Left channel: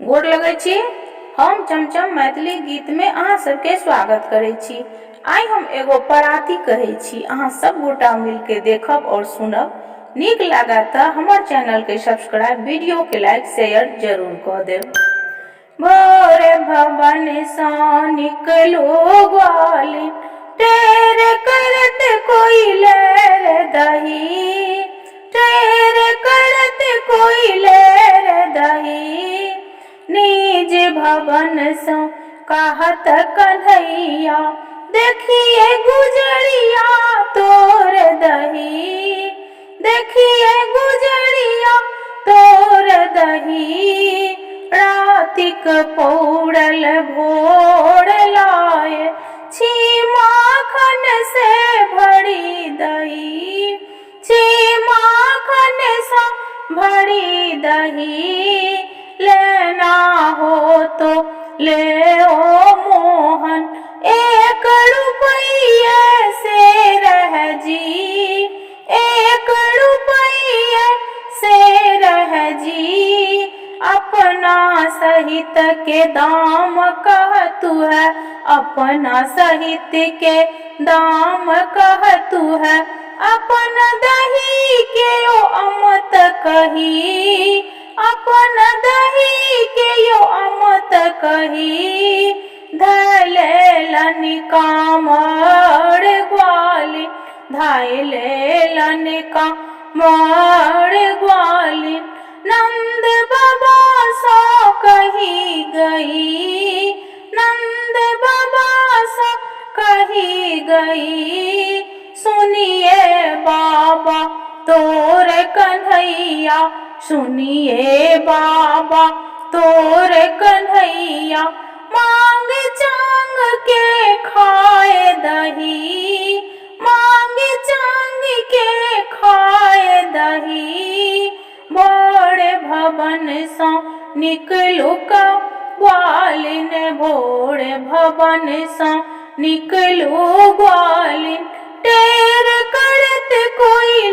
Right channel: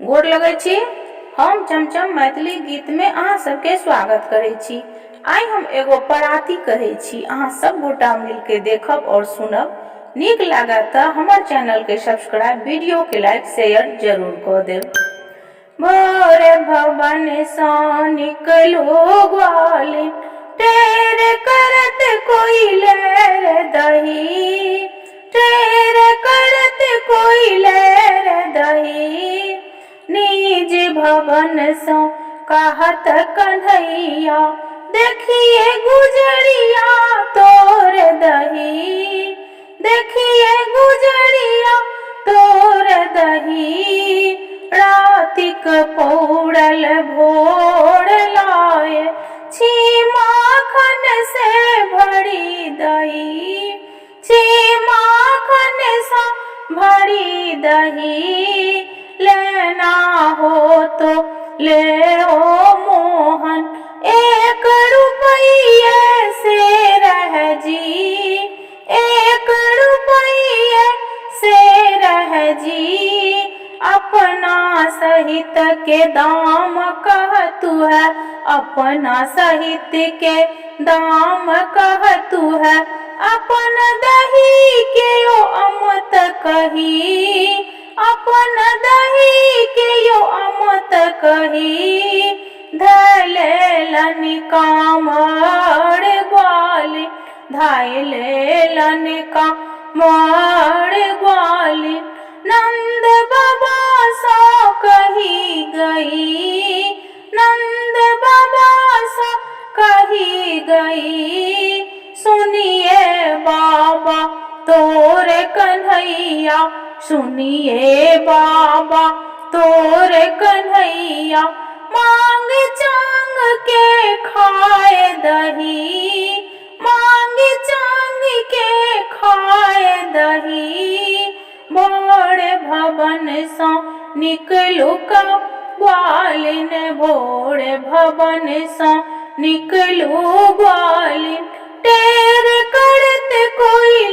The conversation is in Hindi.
गोर लगै छी। हम चमचम मैथिली गीत में अहाँ सबके स्वागत करै छी। आइ हम एगो पराती कहै छी, अहाँ सब गोटा मिलके देखब और सुनब। नीक लागा तऽ हमर चैनल के सब्सक्राइब, वीडियो के लाइक शेयर जरूर कऽ देब। भोरे भवन सँ निकलो ग्वालिन, टेर करत कोइले रे दही, टेर करत कोइले रे दही। निज भवन सँ कहत कन्हैया, देखिए गुजरिया तोर दही, देखिए गुजरिया तोर दही। रातिक पौड़ल भोर लाए, छी माखन से भरी दही, छी माखन सा भरी दही। लेना हो तो ले ओ मोहन, 1 रुपये से रह जी, 1 रुपये से रह जी। अपना सहित के दाम कहतु है, अपना सहित के दाम कहतु है। अपन दही के यो अमत कही, अपन दही के यो अमत कही। धैले लनिका मर ग्वालिन, धैले लनिका मर ग्वालिन। नंद बाबा सा कही गई, नंद बाबा सा कही गई। सुनिए बाबा तोर कन्हैया, सुनिए बाबा तोर कन्हैया। मांग चांग के खाए दही, मांग चांग के खाए दही। भोर भवन सँ निकलू ग्वालिन, भोर भवन सँ निकलू ग्वालिन। टेर करत कोइले